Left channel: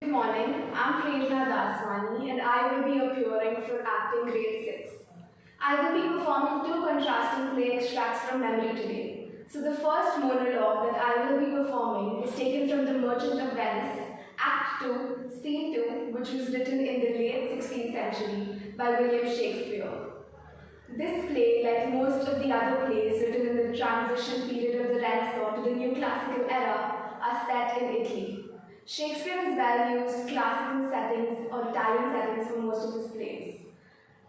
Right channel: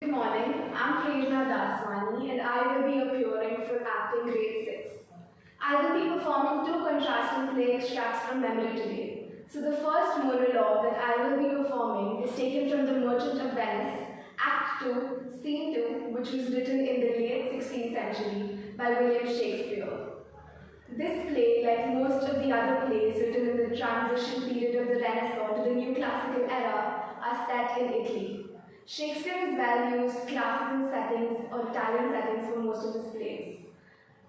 Good morning, I'm Prerna Daswani and I will be appearing for acting grade 6. I will be performing two contrasting play extracts from memory today. So the first monologue that I will be performing is taken from The Merchant of Venice, Act 2, Scene 2, which was written in the late 16th century by William Shakespeare. This play, like most of the other plays written in the transition period of the Renaissance to the new classical era, are set in Italy. Shakespeare has well used classical settings or Italian settings for most of his plays.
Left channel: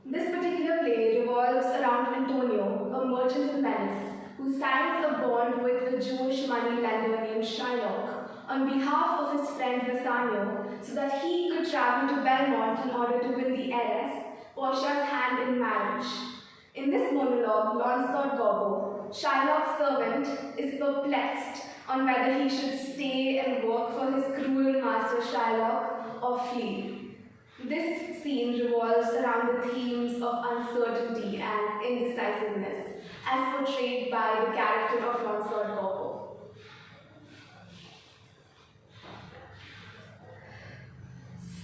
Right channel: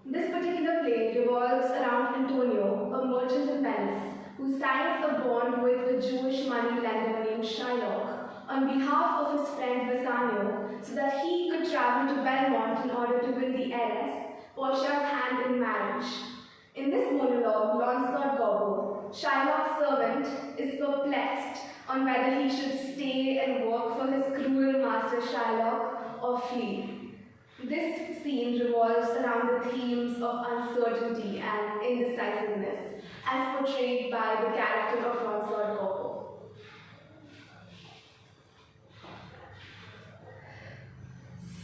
This particular play revolves around Antonio, a merchant in Venice, who signs a bond with a Jewish money lender named Shylock on behalf of his friend Bassanio so that he could travel to Belmont in order to win the heiress, Portia's hand in marriage. In this monologue, Launcelot Gobbo, Shylock's servant, is perplexed on whether he should stay and work for his cruel master Shylock or flee. This scene revolves around the themes of uncertainty and indecisiveness, as portrayed by the character of Launcelot Gobbo.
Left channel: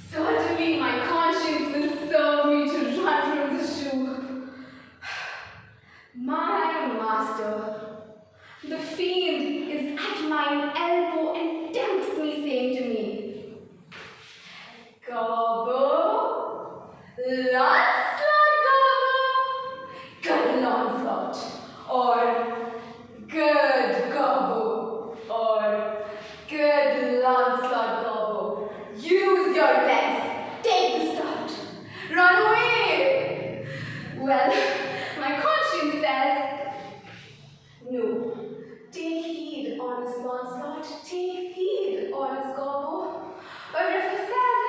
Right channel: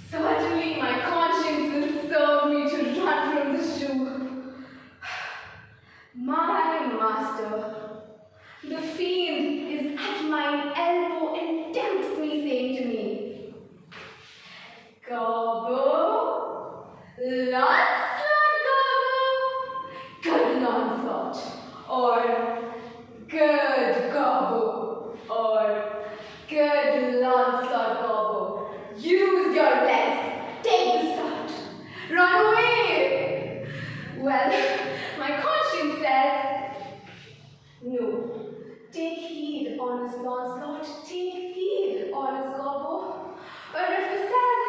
Certainly, my conscience will serve me to run from this Jew. My master, the fiend, is at my elbow and tempts me, saying to me, Gobbo, Launcelot Gobbo, good Launcelot, or good Gobbo, or good Launcelot Gobbo. Use your legs, take the start, run away. Well, my conscience says, no. Take heed, honest Launcelot, take heed, honest Gobbo. Or if I said,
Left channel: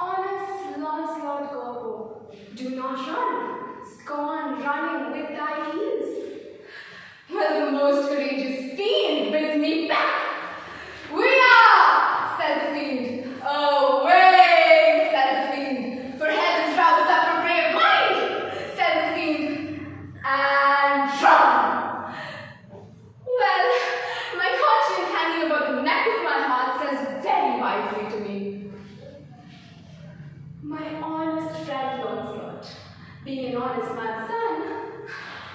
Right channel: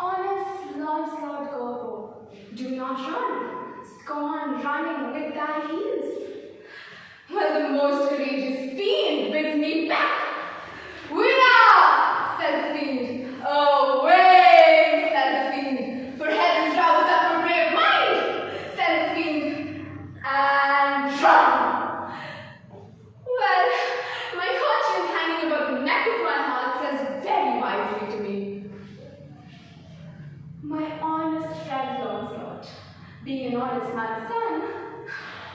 honest Launcelot Gobbo, do not run, scorn running with thy heels. Well, the most courageous fiend bids me back. We are, says the fiend. Away, says the fiend. For heaven's rouse up your brave mind, says the fiend. And run. Well, my conscience hanging about the neck of my heart says very wisely to me, my honest friend Launcelot, being an honest man's son,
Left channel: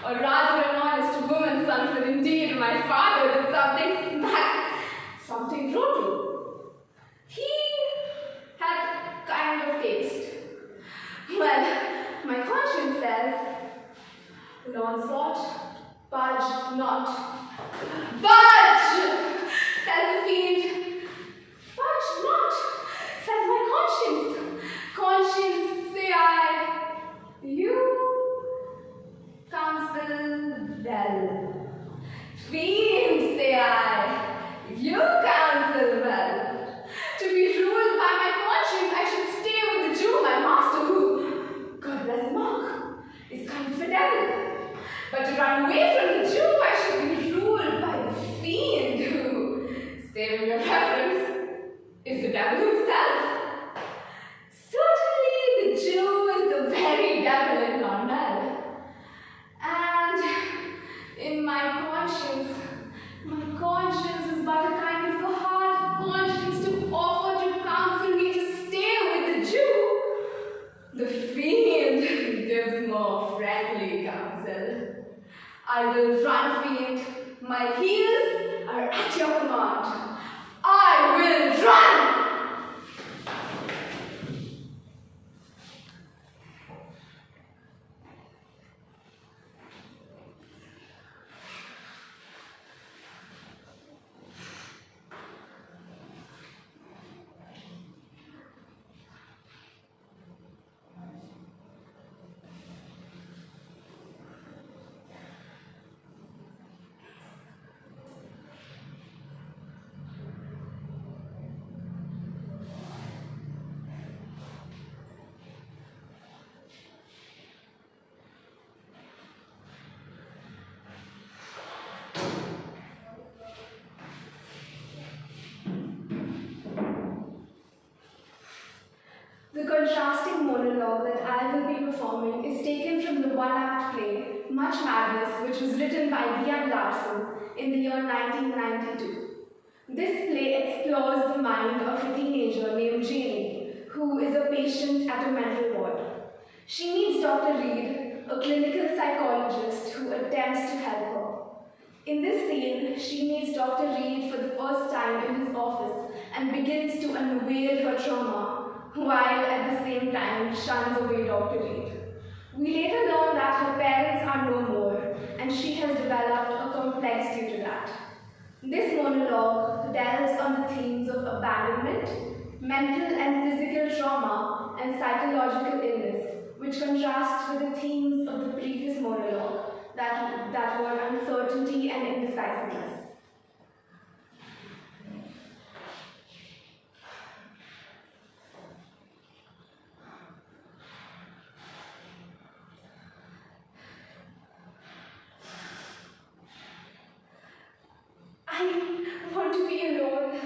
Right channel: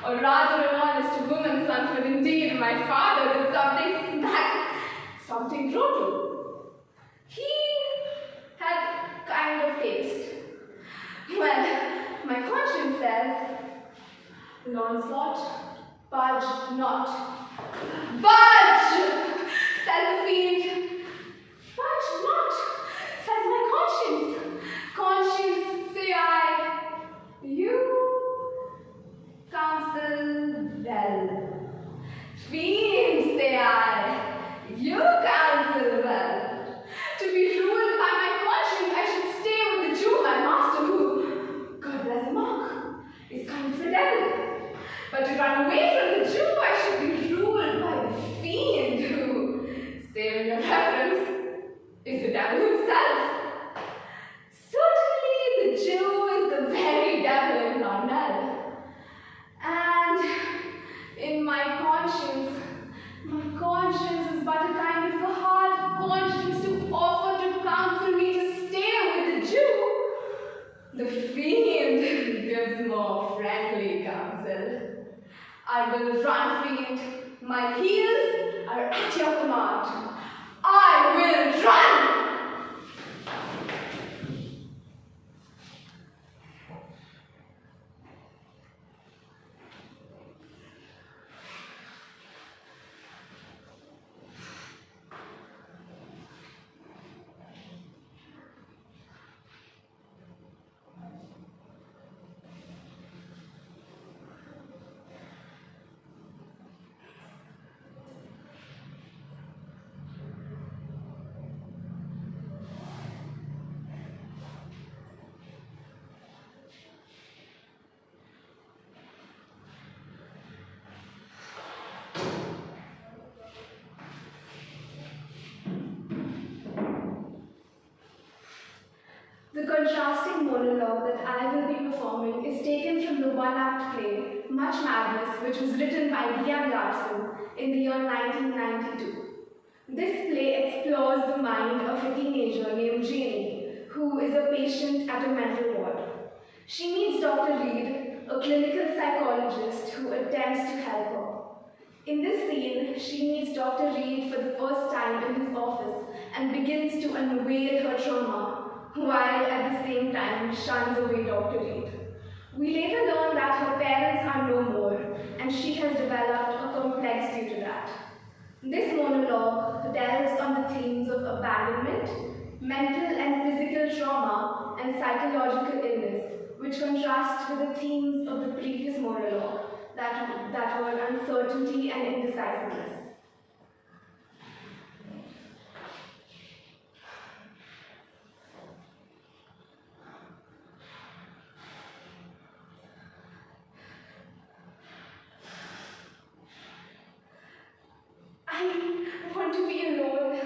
or rather an honest woman's son, for indeed my father did something brutal. He had kind of taste. Well, my conscience says, Launcelot, budge not. Budge! Says the fiend. Budge not, says my conscience. Conscience, say I, you counsel well. Fiend, say I, you counsel well. To be ruled by my conscience, I should stay with the Jew, my master, who, God bless the mark, is kind of a devil. But to run away from the Jew, I should be ruled by the fiend who, save your reference, is the devil himself. Certainly, the Jew is the very devil incarnate. And in my conscience is but a kind of a hard conscience to offer to counsel me to stay with the Jew. The fiend gives more friendly counsel. I will run, fiend. My heels are at your command. I will run! The contrasting monologue that I will be performing is taken from the one-act play, Much Madness, which was written by Liam Larson in the year 1992. This play explores the mind of a teenager named Janie, who is a patient at a mental ward. She meets Dr. Reed, a clinical psychologist who attempts to help her. In this scene, she meets Dr. Reed for the first time in his office and begins to unveil her trauma, while at the same time shuns away Dr. Reed. We later learn that her parents are no more, and she has developed a complex due to that. This monologue delves on the themes of abandonment, mental and physical trauma, and psychological illness, which contrasts with the themes of the previous monologue that were uncertainty and indecisiveness. I want to be alone.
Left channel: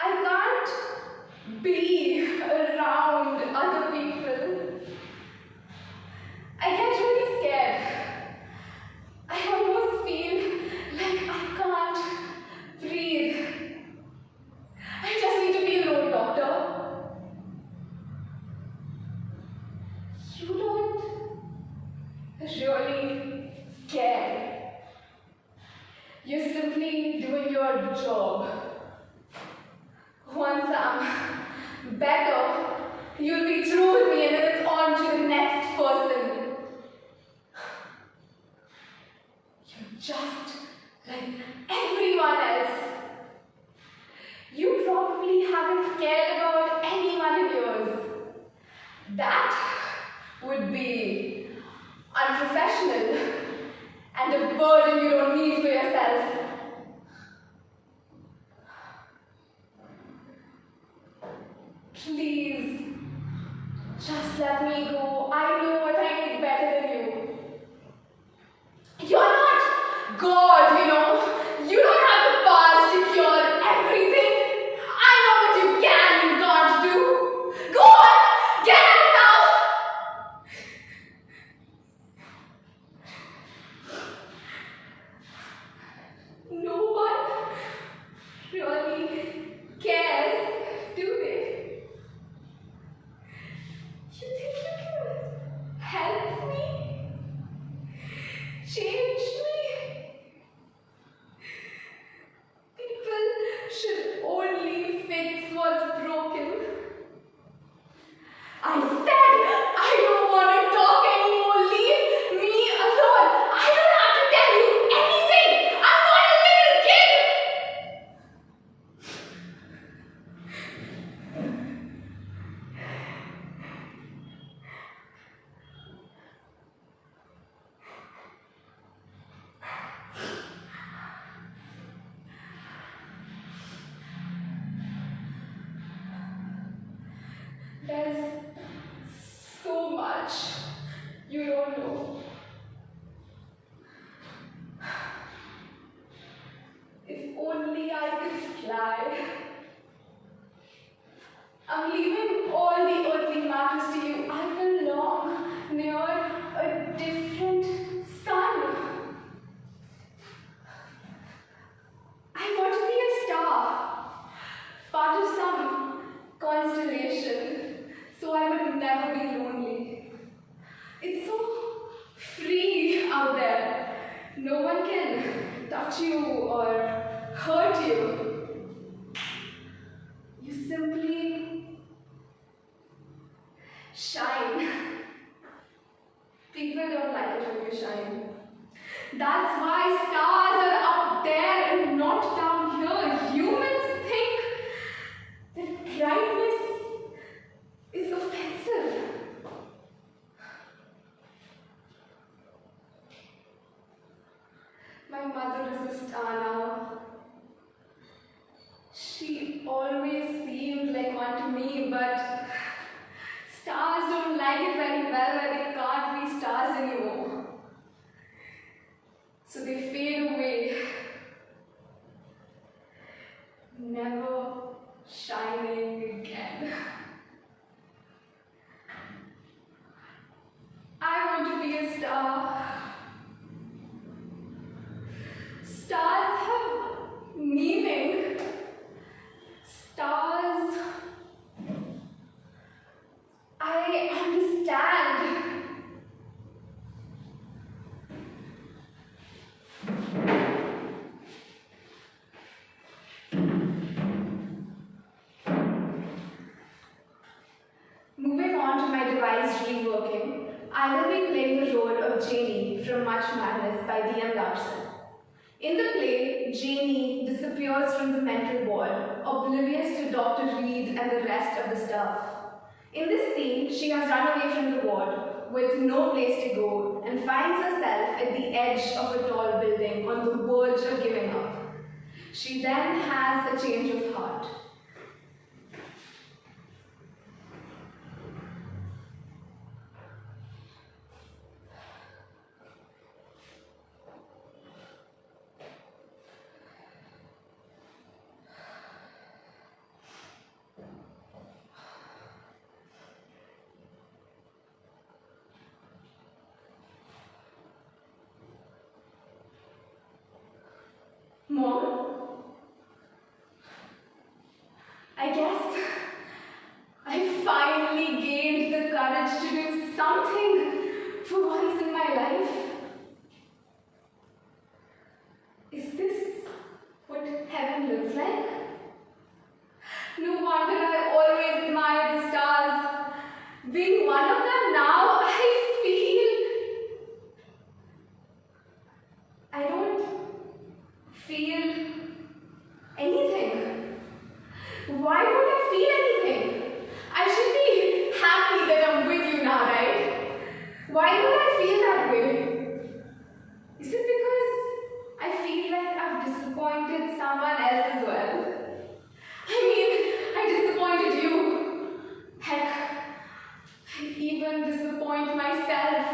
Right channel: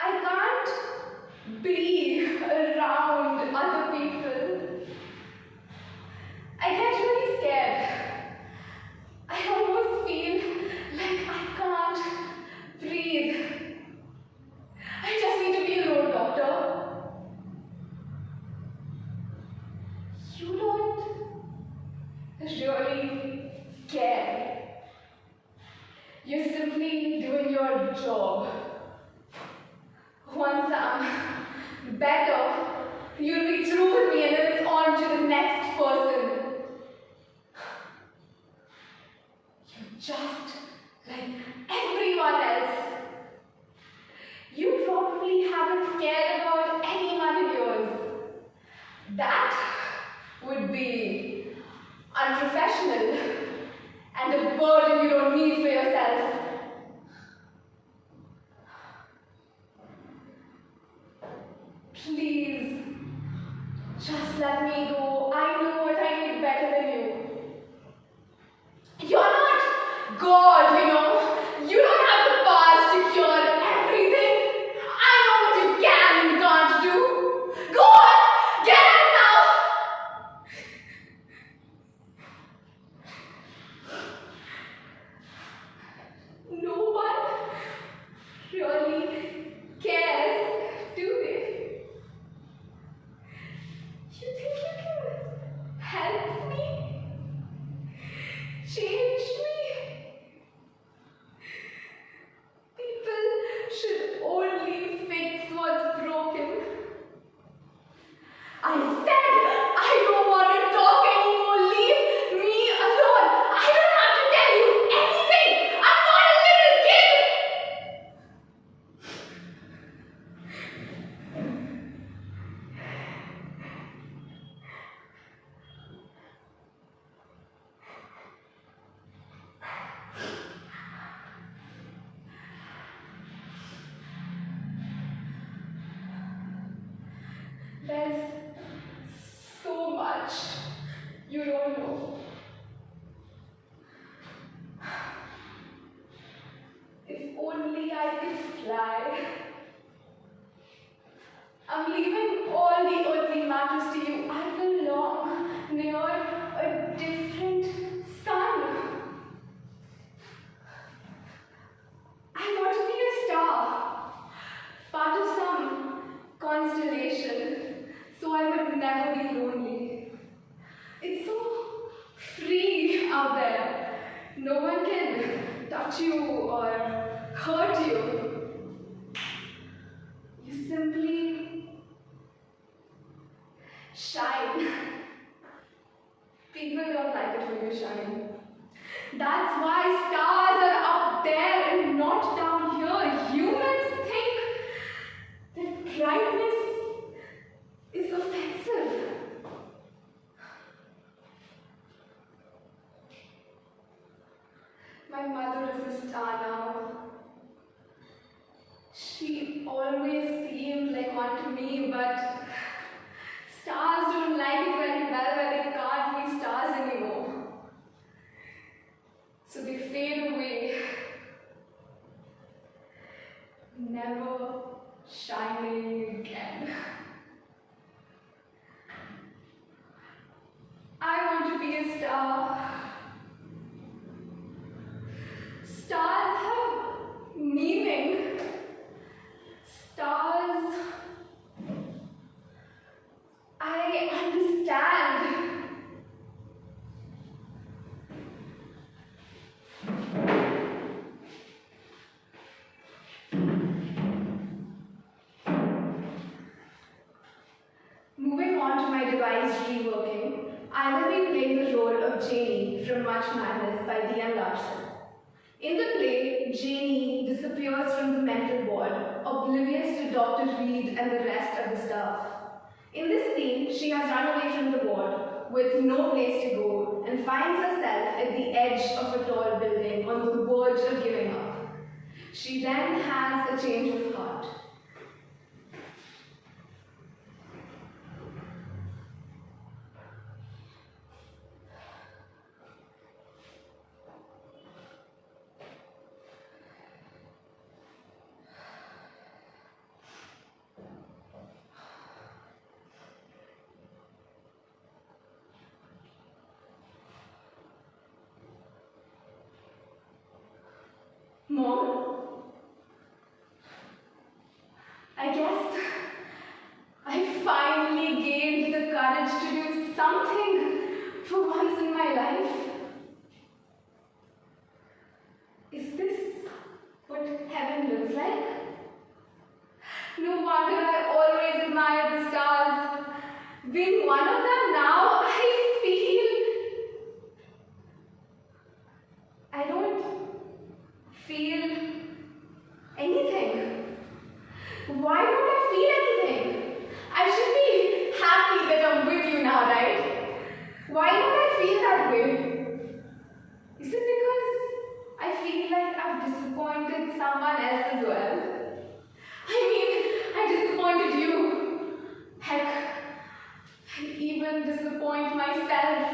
I can't be around other people. I get really scared. I almost feel like I can't breathe. I just need to be alone, doctor. You don't really care. You're simply doing your job. Once I'm better, you'll be through with me and then it's on to the next person. You're just like everyone else. You probably haven't cared about anyone in yours. That would be unprofessional and a burden you don't need for yourself. Please, just let me go. I know what I need better than you. You're not God, you know. You don't have the powers to cure everything. I know what you can and can't do. Go on, get out now. No one really cares, do they? You think you can help me? Change me? People should only fix what's broken. I said I don't want to talk anymore. Leave me alone. I don't have to tell you anything. I'm not a little kid. There's so much you don't know. If only I could fly. I'm leaving all the earthly matters to you. I belong near a different sun. I want to be a star, part of some constellation, so I would never be lonely. It's so free out there. No one can touch you or hurt you. You simply shine. People don't like it when you shine. That's why stars are up there and not down here. Humans think that brightness is offensive. My mother is a star now. She always seemed like one to me, but stars don't like it very well when they can't be stars anymore. So they fade away, never shining again. I want to be a star. Stars have meaning. devised reworking, I will be playing the role of Janie from Much Madness by D.M. Larson. In the play, Janie disappears from the mental ward, oblivious to Dr. Reed and the rest of the staff. In this scene, she has run away from the ward with no place to go and finds herself at the edge of a tall building on the verge of giving up. She then has a change of heart. Mom? I guess I finally gained the courage to do something for once in my life. Is this what heaven looks like? No wonder I always admired the stars. Being one of them now, I don't feel anything. Why don't I feel anything? I should be happy that I'm with you now, right? Why don't I feel that way? Is it because I feel like I've disappointed someone else as well? I disappointed you. Heck, I even disappoint myself.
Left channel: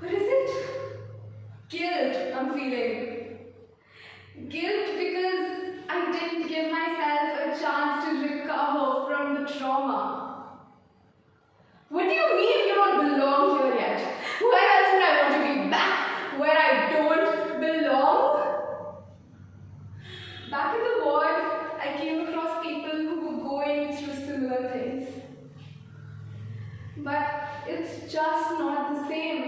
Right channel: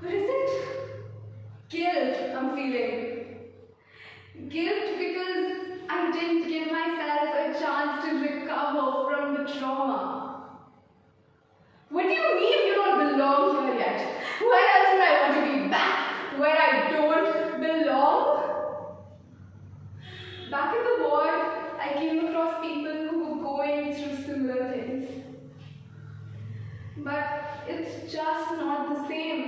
What is it? Guilt I'm feeling. Guilt because I didn't give myself a chance to recover from the trauma. What do you mean you don't belong here yet? Where else would I want to be? Back where I don't belong? Back in the ward, I came across people who were going through similar things. But it's just not the same.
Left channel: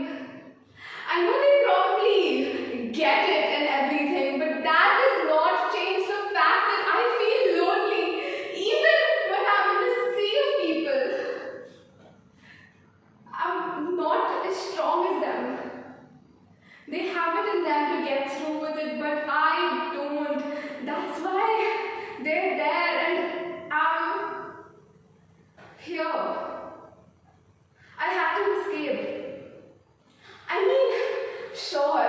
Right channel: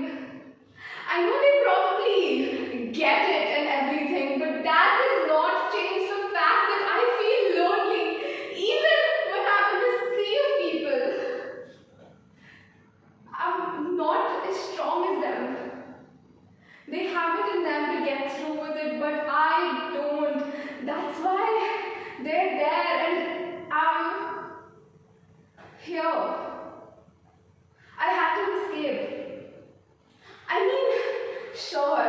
I know they probably get it and everything, but that does not change the fact that I feel lonely even when I'm in a sea of people. I'm not as strong as them. They have it in them to get through with it, but I don't. That's why they're there and I'm here. I had to escape. Sure,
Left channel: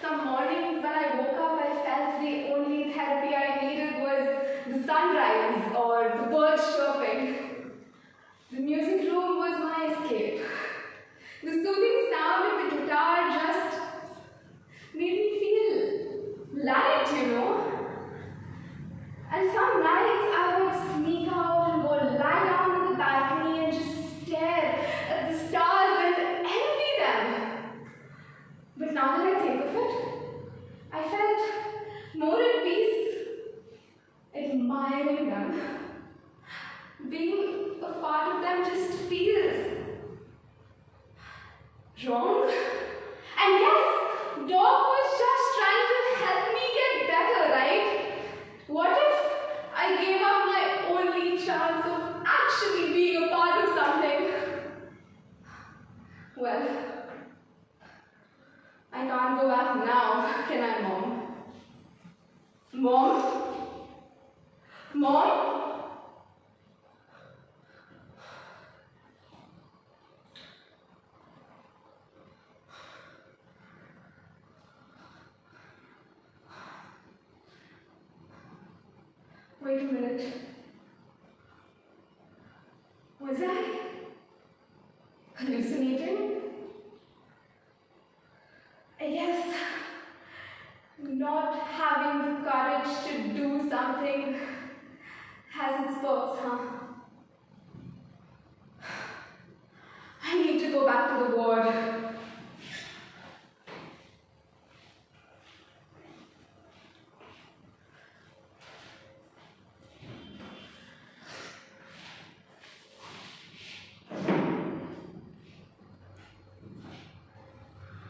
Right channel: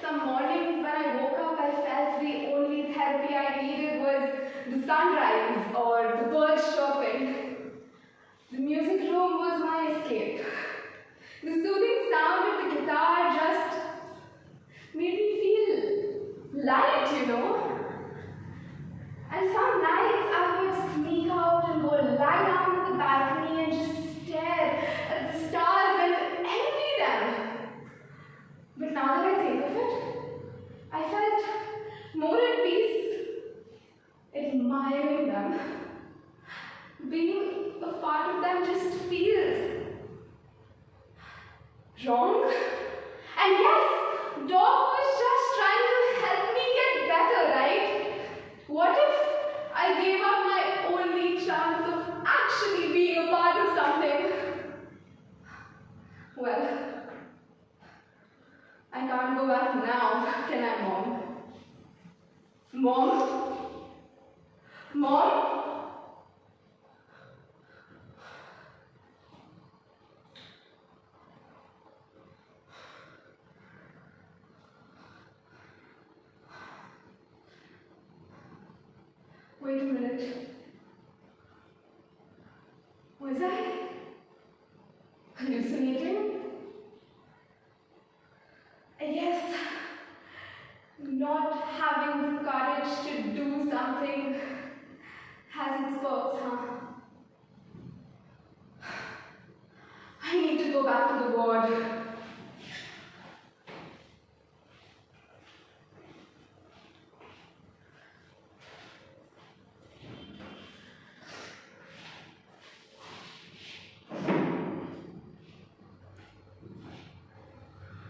some mornings when I woke up, I felt the only therapy I needed was the sunrise or the birds chirping. The music room was my escape. The soothing sound of the guitar just made me feel light, you know. And some nights I would sneak out and go lie down on the balcony and just stare at the stars and envy them. But now that I think of it, I felt more at peace admiring them. Being a part of them just feels wrong. And yes, Doc was just trying to help me get better, right? What if I gave up my only chance of actually being a part of something? Well, I can't go back now, can I, Mom? Mom? Mom? Wait a minute. Was I hallucinating? I guess not having the courage to do something has its perks, huh? I need to go back to the ward.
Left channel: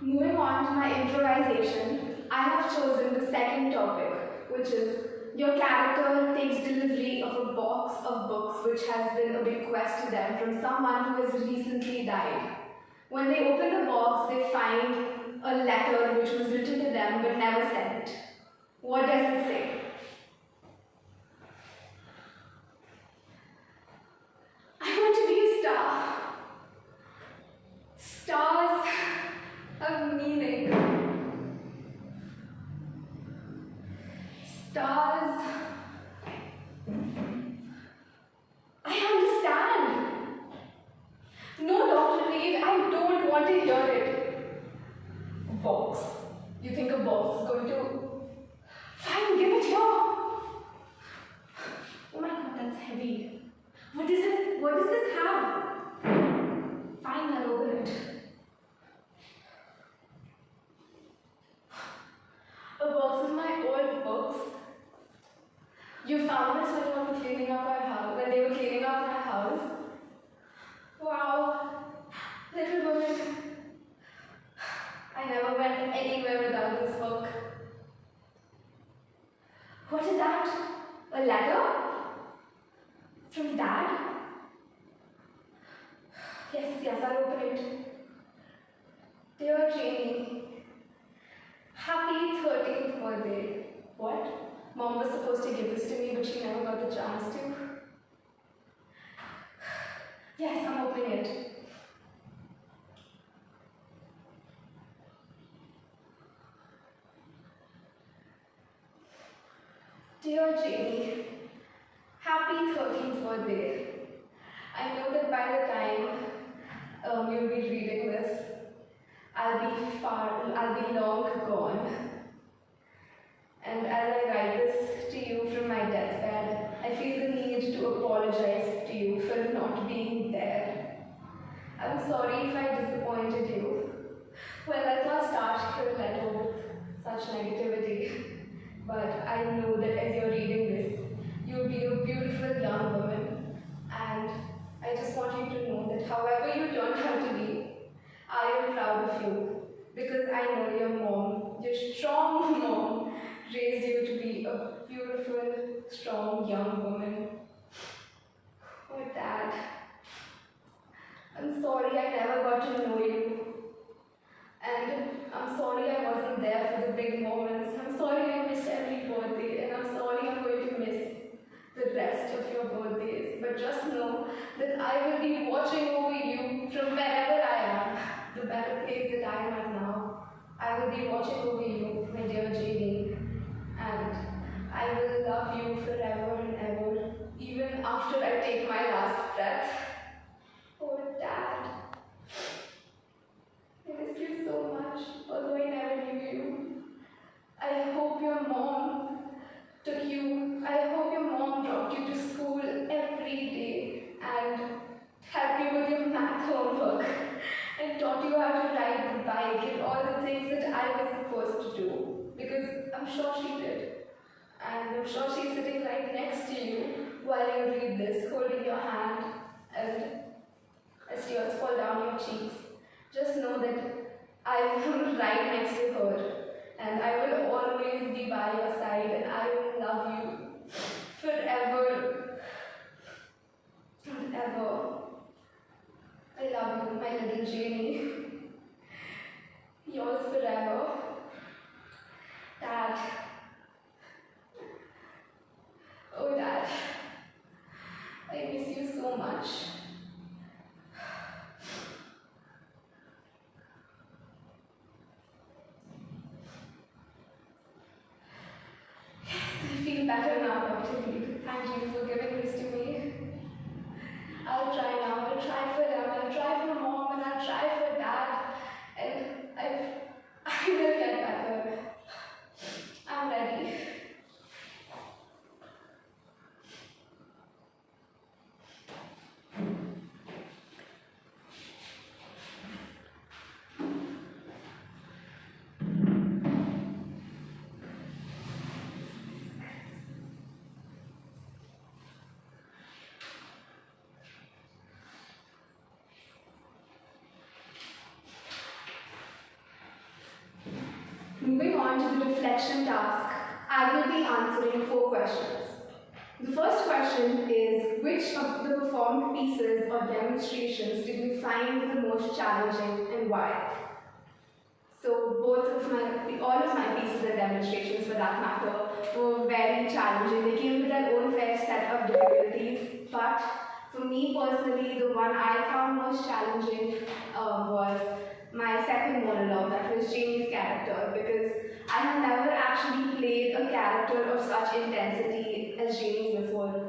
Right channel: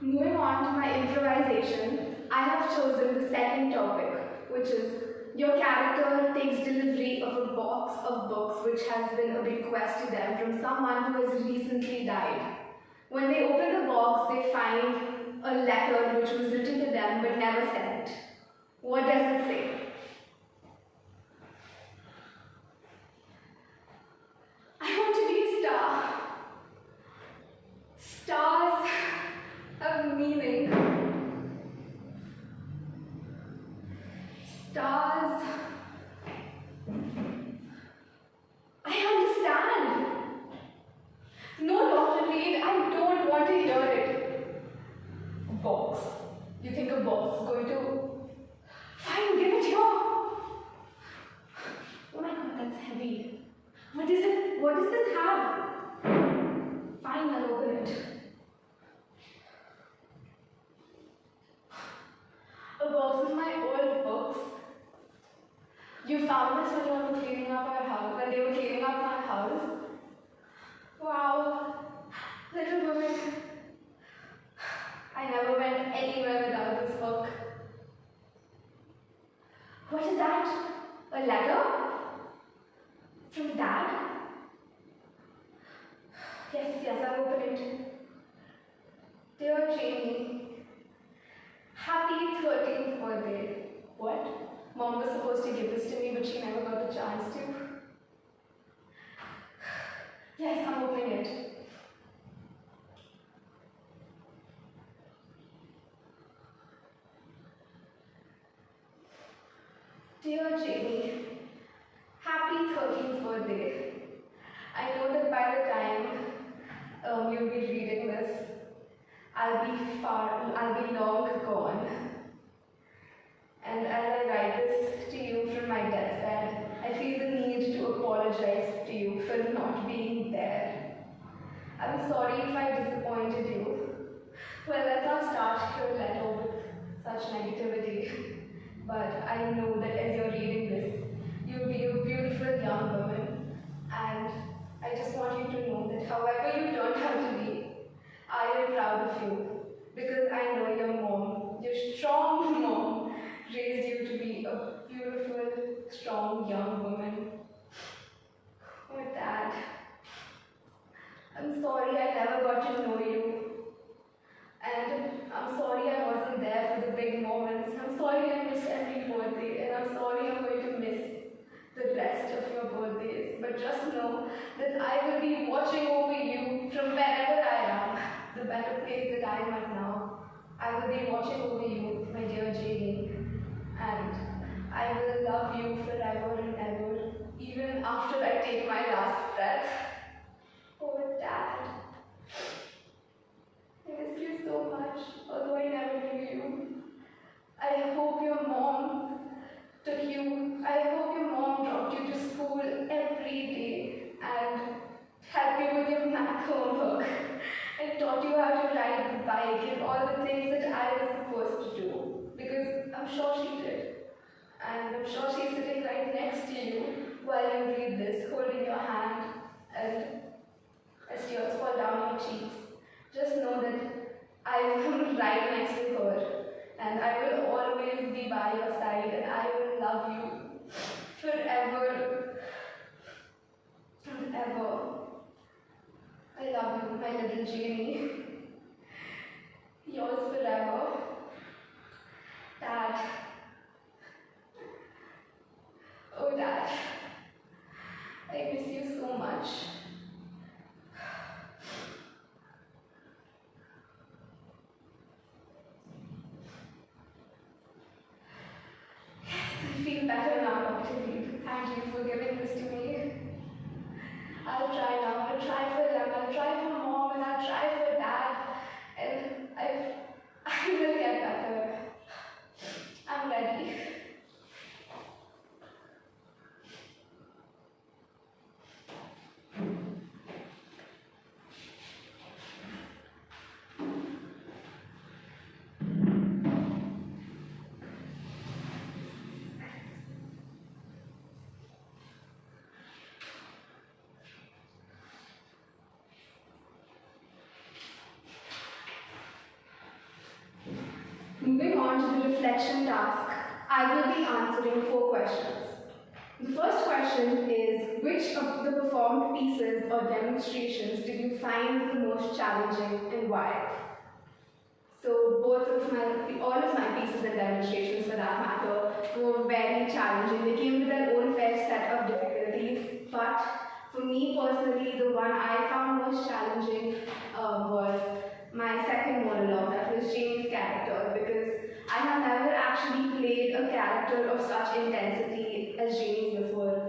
Moving on to my improvisation, I have chosen the second topic, which is Your character takes delivery of a box of books which has been a bequest to them from someone who has recently died. When they open the box, they find a letter which was written to them but never sent. What does it say? I want to be a star. Stars have meaning. Stars. I understand. No, Dr. Reed, I don't want to hear it. A box. You think a box is going to... Fine, give it here. Oh my god, that's heavy. What is it? What does this have? Fine, I'll open it. A box of my old books. You found this when you were cleaning up our house, when they were cleaning up my house. Wow, little woman. I never went anywhere without this book. What is that? A letter? From Dad? Yes, I'll open it. Dear Jamie, happy 13th birthday. What? Mom was supposed to give this to me, but she never got the chance to. Yes, I'm opening it. Dear Jamie, happy 13th birthday. I know that by the time you'll be reading this, I'll be long gone. And as I write this to you from my deathbed, I feel the need to apologize to you for not being there. I'm sorry if I disappointed you. Well, let's not start your letter with such negativity. But I know that as you're reading this, you'll be a beautiful young woman. And I just want you to know that however you turn out to be, I am proud of you. Because I know your mom, your strong mom, raised you to be a beautiful, strong young woman. Oh, Dad, I'm sorry I never got to know you. And I'm sorry I wasn't there for the big moments. I'm sorry I missed every birthday, and I'm sorry I'm going to miss the rest of your birthdays. But just know that I will be watching over you from wherever I am, the better place that I am at now. I will be watching over you, my dear Jamie, and I will love you forever and ever, even after I take my last breath. Oh, Dad. I miss you so much, although I never knew you. I hope your mom took you, I hope your mom dropped you to school every day and helped you with your math homework and taught you how to ride the bike and all the things that I was supposed to do. Because I'm sure she did. And I'm sure she's sitting right next to you while you read this, holding your hand, and as tears fall down your cheeks. Just know that I am right next to her, and I will always be by your side, and I will love you forever and ever. I love you, my little Jamie. Yours forever, Dad. Oh, Dad, I miss you so much. I feel better now, Dr. Reed. Thank you for giving this to me. I'll try now. I'll try for them. I'll try for Mom, and I'll try for Dad. And I will get better. I'm ready. Moving on to the reflection task, I will be answering 4 questions. The first question is, which of the performed pieces or demonstrations did you find the most challenging and why? So all of my pieces and demonstrations for that matter were very challenging. They came with their own fair set of difficulties, but for me personally, the one I found most challenging was my second monologue, that was Jamie's character, because I have never actually played a character of such intensity as Jamie before.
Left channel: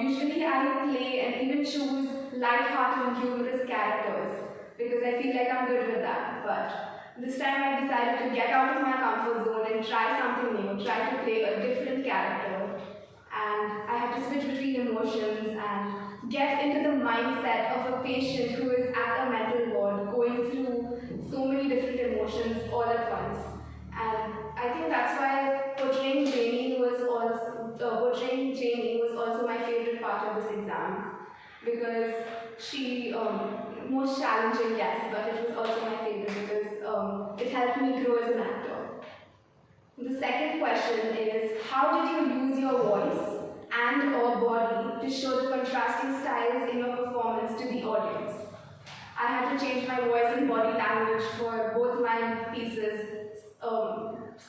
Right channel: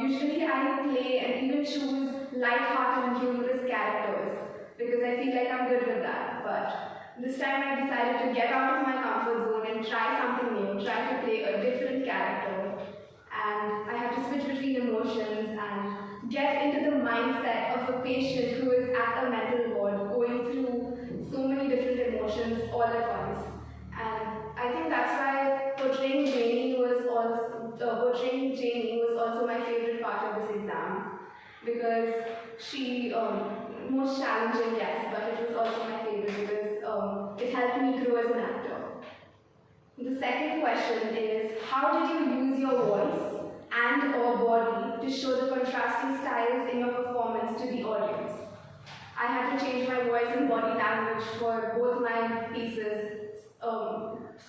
Usually I play and even choose light-hearted and humorous characters because I feel like I'm good with that. But this time I decided to get out of my comfort zone and try something new, try to play a different character. And I had to switch between emotions and get into the mindset of a patient who is at a mental ward going through so many different emotions all at once. And I think that's why portraying Jamie was also my favorite part of this exam, because she most challenging, yes, but it was also my favorite because it helped me grow as an actor. The second question is, how did you use your voice and or body to show the contrasting styles in your performance to the audience? I had to change my voice and body language for both my pieces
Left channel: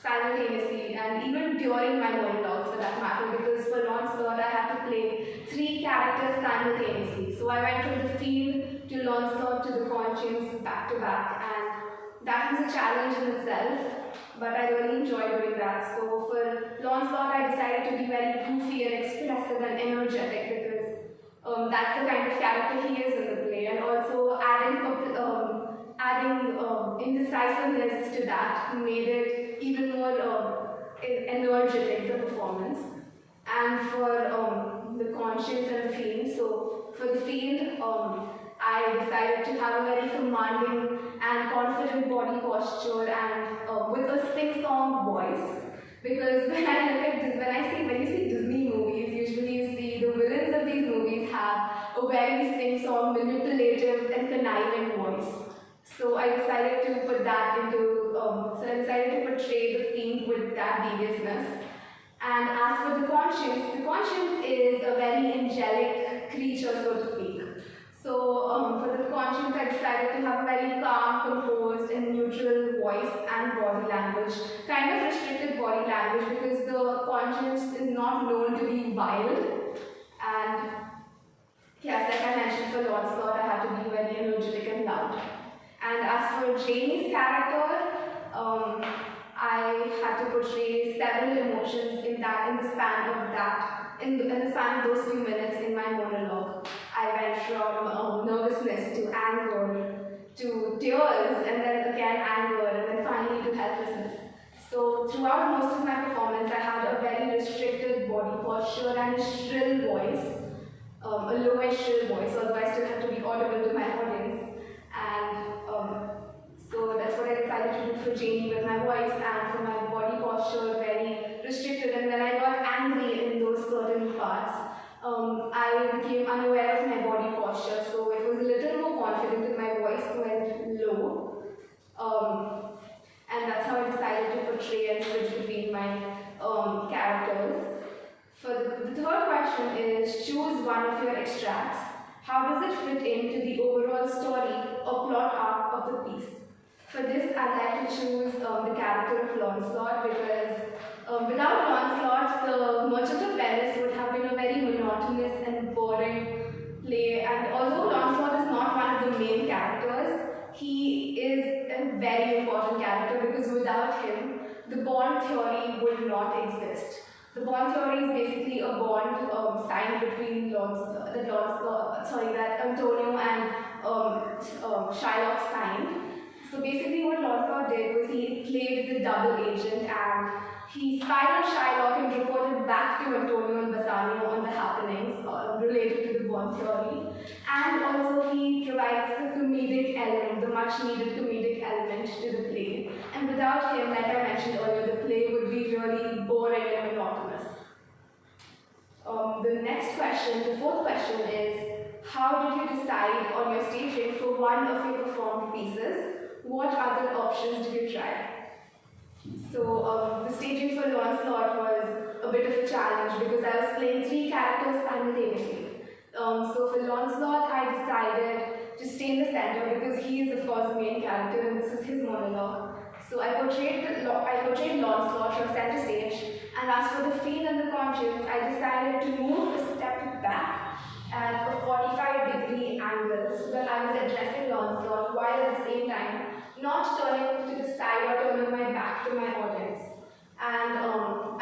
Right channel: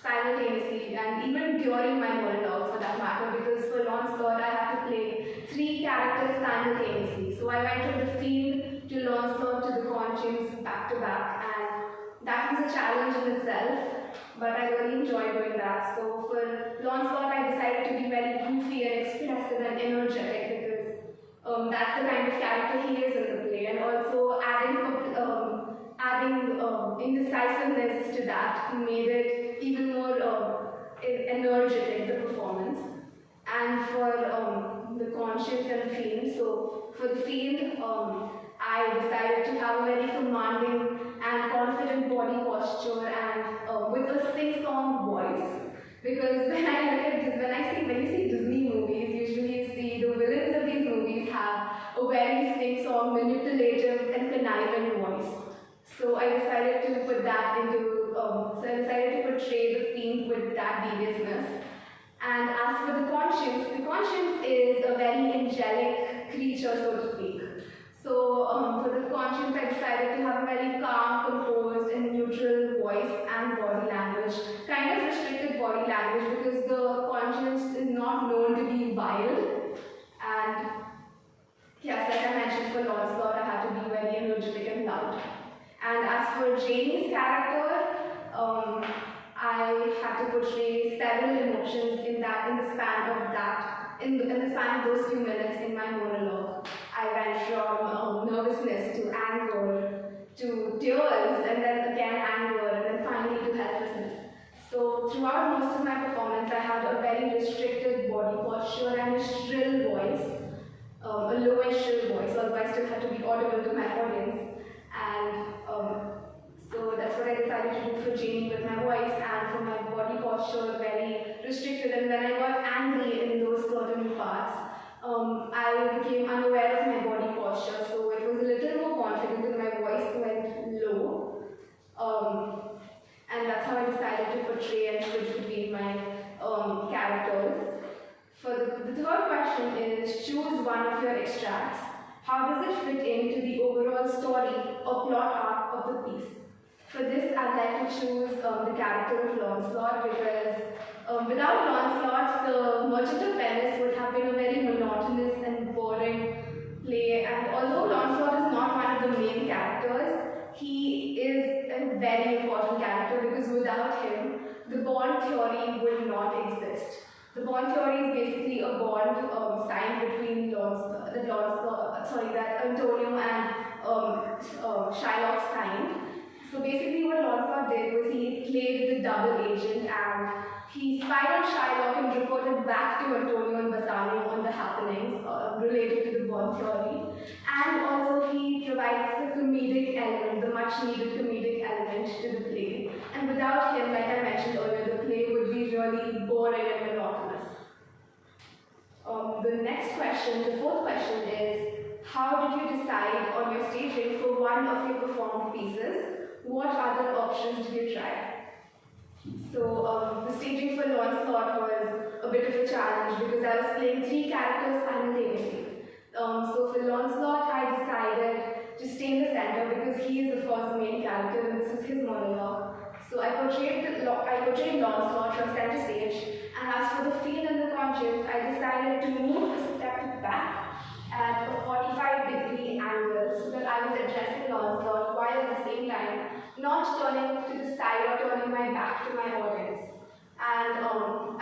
simultaneously, and even during my monologues for that matter, because for Lancelot I had to play 3 characters simultaneously. So I went from the field to Lancelot to the conscience back to back, and that was a challenge in itself, but I really enjoyed doing that. So for Lancelot I decided to be very goofy and expressive and energetic because that's the kind of character he is in the play, and also adding indecisiveness to that made it even more energetic, the performance. And for the conscience and the fiend, so for the fiend, I decided to have a very commanding and confident body posture and with a sing-song voice. Because when you see Disney movies, usually you see the villains of these movies have a very sing-song, manipulative and conniving voice. So I decided to portray the fiend with that deviousness. And as for the conscience is a very angelic creature, so to speak. So for the conscience, I decided to have a very calm, composed, and neutral voice and body language. Kind of restricted body language because the conscience is not known to be wild. And yes, like I mentioned, for Lancelot, I had to be very energetic and loud. And as for Jamie's character, I had to portray several emotions in the span of those few minutes in my monologue. I went from nervousness to anger to tears, and then again anger, and then finally to helplessness. So throughout most of my performance, I had a very restricted body posture and a shrill voice, a low and shrill voice, although I still had to be audible to my audience. And so that's what I decided to do for Jamie with my voice, and for my body posture, very restricted. And when I got angry in those certain parts, I became unaware of my body posture, so it was a little more confident and my voice went low. And that's how I decided to portray and switch between my characters. For the third question is, choose one of your extracts. How does it fit into the overall story or plot arc of the piece? For this, I'd like to choose the character of Lancelot because without Lancelot, the Merchant of Venice would have been a very monotonous and boring play. And although Lancelot is not one of the main characters, he is a very important character because without him, the bond theory would not exist. The bond theory is basically a bond signed between that Antonio and Shylock signed. So basically what Lancelot did was he played the double agent and he spied on Shylock and reported back to Antonio and Bassanio on the happenings related to the bond theory. And also he provides the comedic element, the much needed comedic element to the play. And without him, like I mentioned earlier, the play would be really boring and monotonous. The next question, the fourth question is, how did you decide on your staging for one of your performed pieces? What other options did you try? So the staging for Lancelot was a bit of a challenge because I was playing three characters simultaneously. So for Lancelot, I decided to stay in the center because he is of course the main character and this is his monologue. So I portrayed Lancelot from center stage, and as for the fiend and the conscience, I decided to move a step back at a 45-degree angle so that I was addressing Lancelot while at the same time not turning to the side or turning my back to my audience. And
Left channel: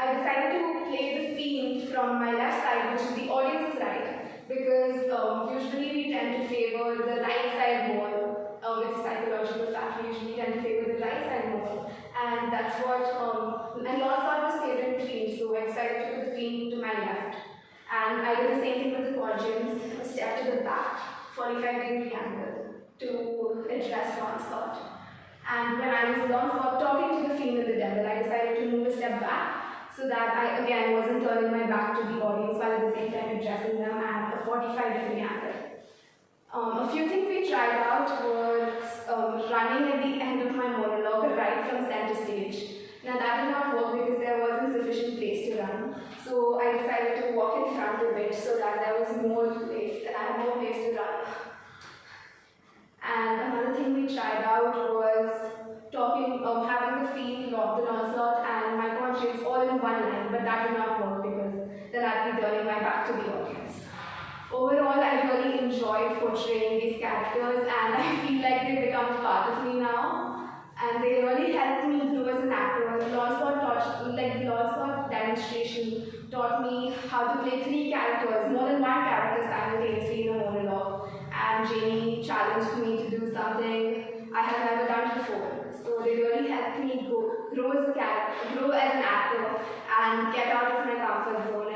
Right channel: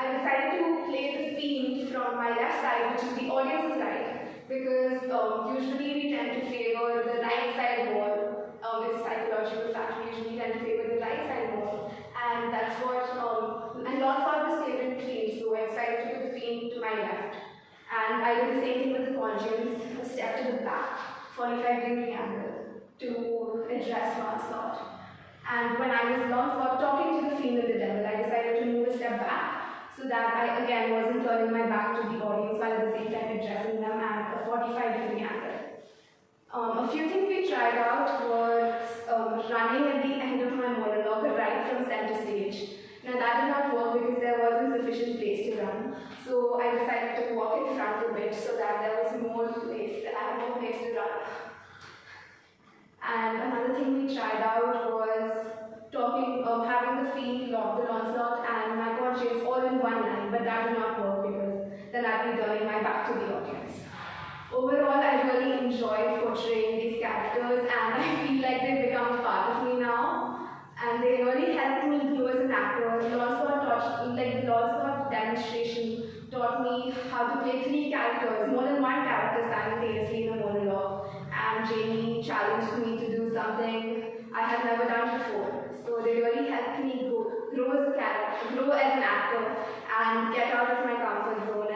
I decided to play the fiend from my left side, which is the audience's right, because usually we tend to favor the right side more. It's a psychological fact, we usually tend to favor the right side more. And that's what, and Lancelot was favored fiend, so I decided to put the fiend to my left. And I did the same thing with the conscience, a step to the back, 45-degree angle, to address Lancelot. And when I was Lancelot talking to the fiend and the devil, I decided to move a step back so that I again wasn't turning my back to the audience while at the same time addressing them at a 45-degree angle. A few things we tried out was running at the end of my monologue right from center stage. Now that did not work because there wasn't sufficient place to run. So I decided to walk in front a bit so that there was more place, I had more place to run. And another thing we tried out was having the fiend, the Lancelot, and my conscience all in one line, but that did not work because then I'd be turning my back to the audience. Overall, I really enjoyed portraying these characters, and I feel like they've become part of me now. And they really helped me grow as an actor. The Lancelot demonstration taught me how to play three characters, more than one character simultaneously in a monologue. And Jamie challenged me to do something I had never done before. So they really helped me grow as an actor and get out of my comfort zone